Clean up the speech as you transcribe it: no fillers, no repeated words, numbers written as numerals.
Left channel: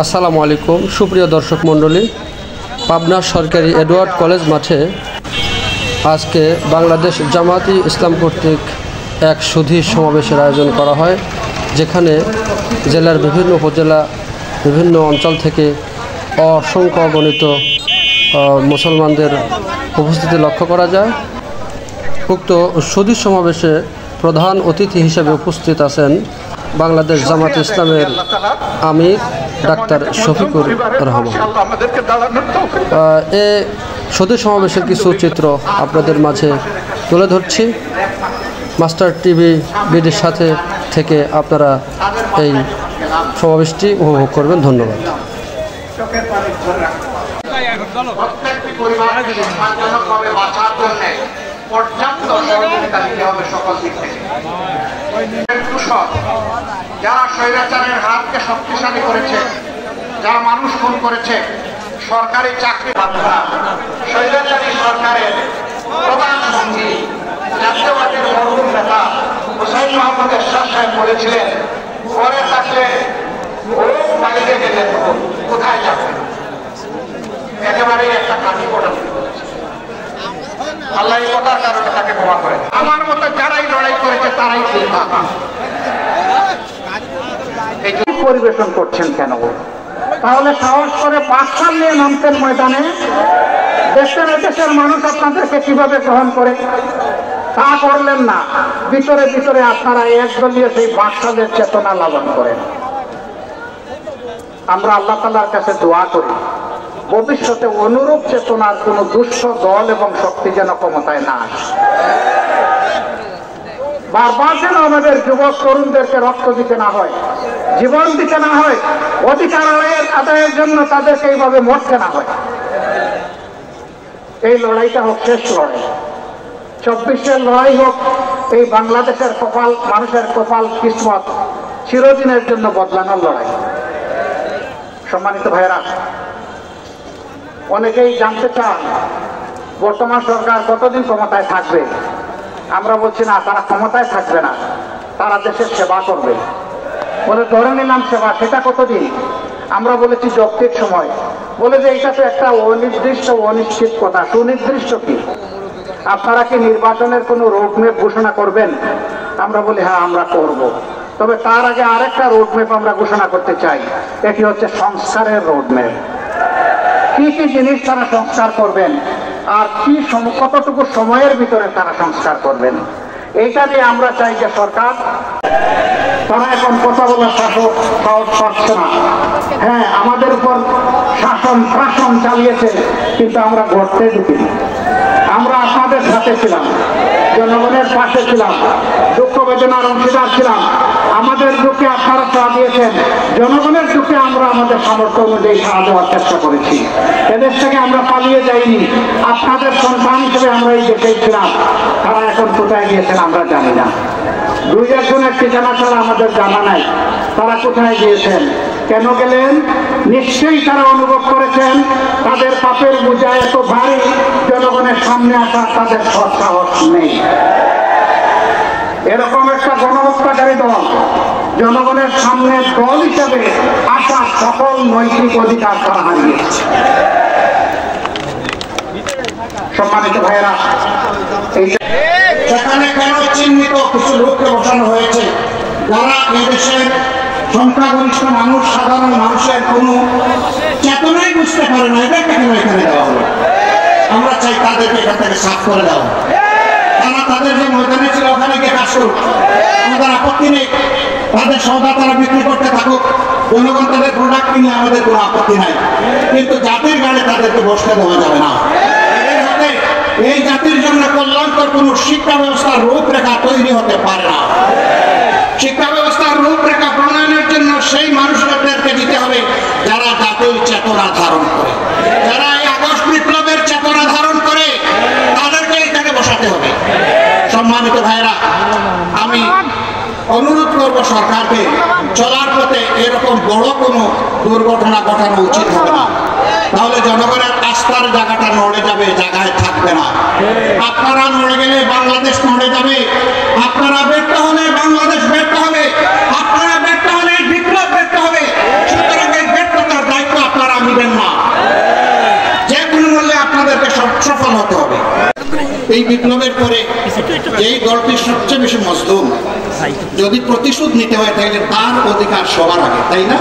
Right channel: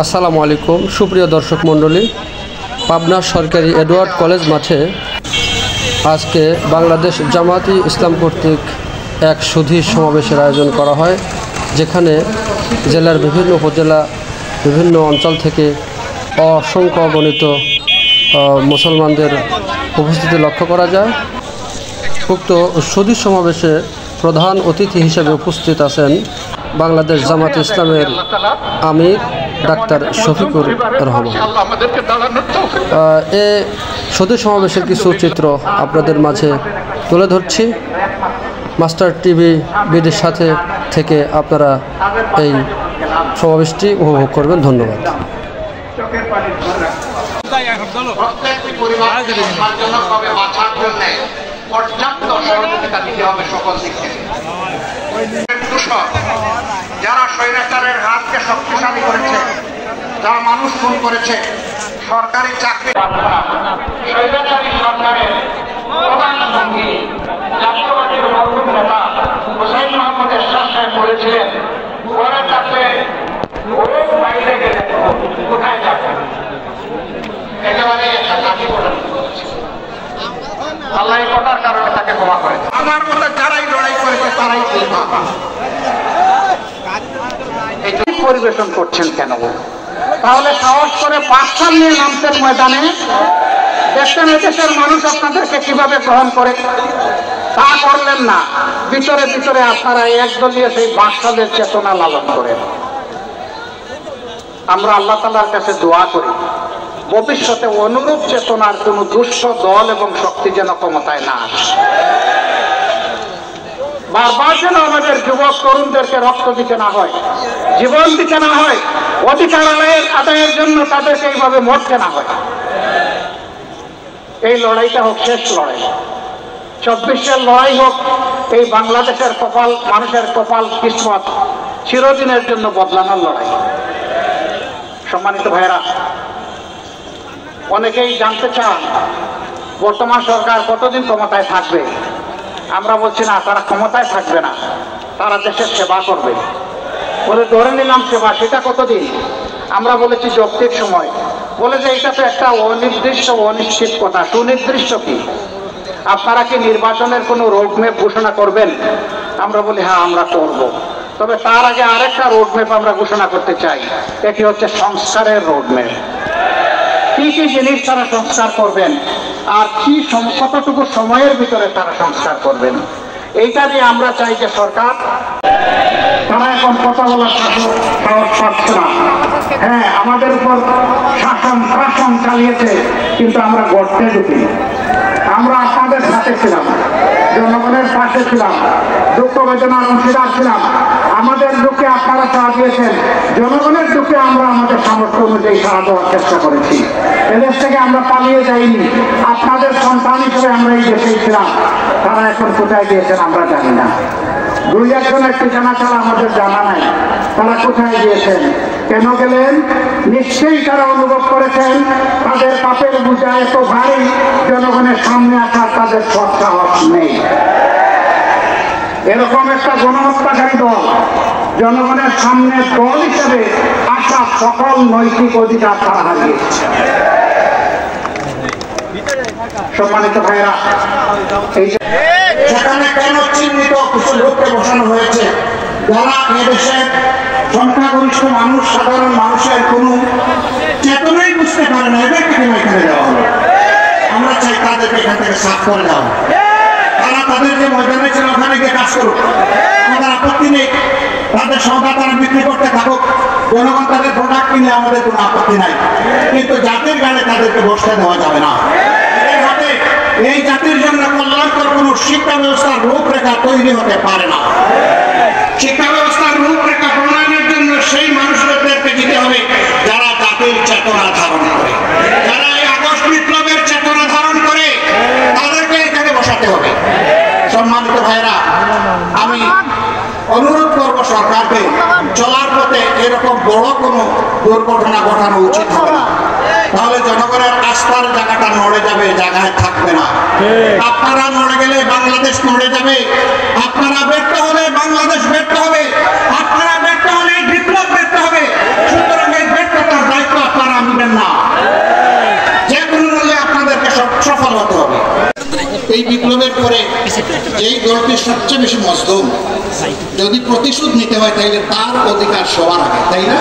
আসসালামু আলাইকুম সুপ্রিয় দর্শক মণ্ডলী, পাবনা সরকারি এডওয়ার্ড কলেজ মাঠে আজকে বাংলাদেশ জামায়াতে ইসলাম কর্তৃক এক সুধী সমাবেশের আয়োজন করা হয়, যেখানে জেলার বিভিন্ন উপজেলা বিভিন্ন অঞ্চল থেকে অসংখ্য অগণিত মুসলমানদের উপস্থিতি লক্ষ্য করা যায়। উক্ত সুধী সমাবেশে প্রধান অতিথি হিসেবে উপস্থিত আছেন বাংলাদেশ জামায়াতে ইসলামের আমির ডাক্তার শফিকুর রহমান। এ সুধী সমাবেশের কিছু চিত্র আপনাদের মাঝে তুলে ধরছি। মাস্টার টিভি বিডির সাথে থেকে আপনারা এই সমাবেশটি উপভোগ করবেন। ধন্যবাদ। যারা স্বৈরাচারের হাতকে শক্তিশালী করেছে, যারা মানুষ খুন করেছে, সরকারি চাকরি স্বৈরাচারী সরকারের প্রধানমন্ত্রী জাতীয়বাদীর মরহুম নেতা হুসাইন মাহমুদ এরশাদ সাহেব বলেছিলেন, পরে থাকলে ও বাইরে গেলে কোথায় যাবে। একেবারে আল্লাহ কোটার কারণে তাকে ক্ষমা করে। আমার মতো যারাই লড়াই করেছে তারাই পরিবেশন করছেন কেন? তাহলে সাহস করে পাঁচখান নিয়ে নামতেন ময়দানে, দেশের দেশের মানুষ আপনাদেরকে কিভাবে গ্রহণ করে, তা করলেন না। ভিতরে ভিতরে আপনারা একদলীয় সেই বাকশালের চেতনা লালন করেন। আমরা আল্লাহ তাআলার কাছে দোয়া করি, ভবিষ্যতে অনুরূপ চেতনার কোন দুষ্ট দল এবং শক্তি যেন ক্ষমতায় না আসে। বারবার যেন আমাদের যুবক তরুণদেরকে রক্ত দিতে না হয়, জীবন দিতে না হয়, অধিকার আদায়ের জন্য তাদেরকে এইভাবে মরতে না হয়। এই লড়াইটা হোক শেষ লড়াই, 24-এর লড়াই হোক। এই বাংলাদেশের কপাল, মানুষের কপাল, কিসমত চিরদিনের জন্য বদলানোর লড়াই। সম্মানিত ভাইয়েরা, অনেকেই জানতে চান বর্তমান সরকার কতদিন ক্ষমতায় থাকবে। আমরা বলছি না, তারা ক্ষমতায় থাকবে না, তারা দেশের সেবা করবে। বলে ধরে নিলাম সেবা, সেটা কতদিন? আমরা বলেছি যৌক্তিক সময়। বলে যে এটা তো একটা অনির্দিষ্ট অনিশ্চিত কথা। সুনির্দিষ্ট কি? আপনারা কি নির্বাচনের কোনো রোডম্যাপ ঘোষণা করবেন? আমরা বলি হ্যাঁ, আমরা করব। তবে তার আগে আরেকটা রোডম্যাপ আমরা ঘোষণা করতে চাই, এটি হচ্ছে সংস্কারের রোডম্যাপ। কি কি জিনিস তারা সংস্কার করবেন আর কি কতটুকু সময়ের ভিতরে তারা সংস্কার করবেন, এইটা নিয়ে আমরা চাই যে সরকার, তারা এখন কথা বলার সাহস পাচ্ছে না। হ্যাঁ, আমাদের উপর শাসন চালিয়েছে, কিন্তু আমরা গর্তে ঢুকিনি। আমরা আপনাদের সাথে ছিলাম, জনগণের পাশে ছিলাম, দুঃখ বেদনার অংশীদার ছিলাম। আমাদের দুঃখে আপনারা সাড়া দিয়েছেন, জনগণের দুঃখে আমরা আমাদের সামর্থ্য অনুযায়ী সাড়া দেওয়ার চেষ্টা করেছি। এদেশ থেকে আমরা পালিয়ে যাইনি, আপনাদের সন্তান হিসেবে আমরা এই দেশে ছিলাম। তারা এখন কোথায় গিয়েছেন আমরা জানি না। 2-1 ঠিকানা ছাড়া আমাদের জানা নাই তারা কোথায় গিয়েছেন, কেন গেলেন। নিশ্চয়ই তারা অনুভব করেছেন তাদের পাপের বোঝা এত ভারী, জনগণের সামনে আসা তাদের সাহস নেই। এরকম একটা গণহত্যাকারী দল জনগণের সামনে দল হিসাবে আসা সকল নৈতিক অধিকার তারা হারিয়েছে। সম্মানিত ভাইরা, সেখানে কেন চিহ্নিত কিছু লোককে বসানো হয়েছে যারা এই দেশের সংখ্যাগরিষ্ঠ মানুষ, সাধারণ মানুষের কোন চেতনাই বুঝতে পারে না, এদেরকে কেন এখানে দেওয়া হলো? আমরা চাই তাদেরকে এখান থেকে সাফ করে দেওয়া। তারা তাদের যে ময়দানে ছিল ওখানে গিয়ে কাজ করুক, আমাদের আপত্তি নেই। তাদের সৌদা তারা বিক্রি করতে থাকুক, জনগণ তাদের প্রোডাক্ট কিনে আমাদের কোনো আপত্তি নাই। কিন্তু জাতির গানে তাদেরকে বসতে দেওয়া যাবে না। এদের হাতে এই জাতির জন্য কল্যাণকর কোন শিক্ষা ব্যবস্থার রূপরেখা তৈরি হতে পারে না। শিক্ষা ব্যবস্থার রূপরেখা প্রণয়নের জন্য সেই মানুষদেরকে দিতে হবে যারা জাতির চেতনা ধারণ করে, যারা এই আগস্ট বিপ্লবের চেতনা ধারণ করে, তাদেরকে এখানে বসাতে হবে। সম্মানিত ভাইরা, আমি অনুরোধ করব সরকারকে, চলার পথে এরকম বড় কোনো দুর্ঘটনা ঘটানো উচিত হবে না। তাহলে জনগণের আস্থার জায়গাটা নড়ে যাবে, জায়গায় থাকবে না। আপনারা নড়ে গেলে বাংলাদেশ নড়ে যাবে, আপনারা ব্যর্থ হলে বাংলাদেশ ব্যর্থ হবে, আপনারা ব্যর্থ হলে বিপ্লব ব্যর্থ হবে। সুতরাং এই ব্যর্থতা এই বিপ্লবের পরে যেই দলটি সবচেয়ে বেশি মজলুম, যদি প্রতিশোধ নিতে হয় তাহলে তার অধিকার সবার আগে, তাই না?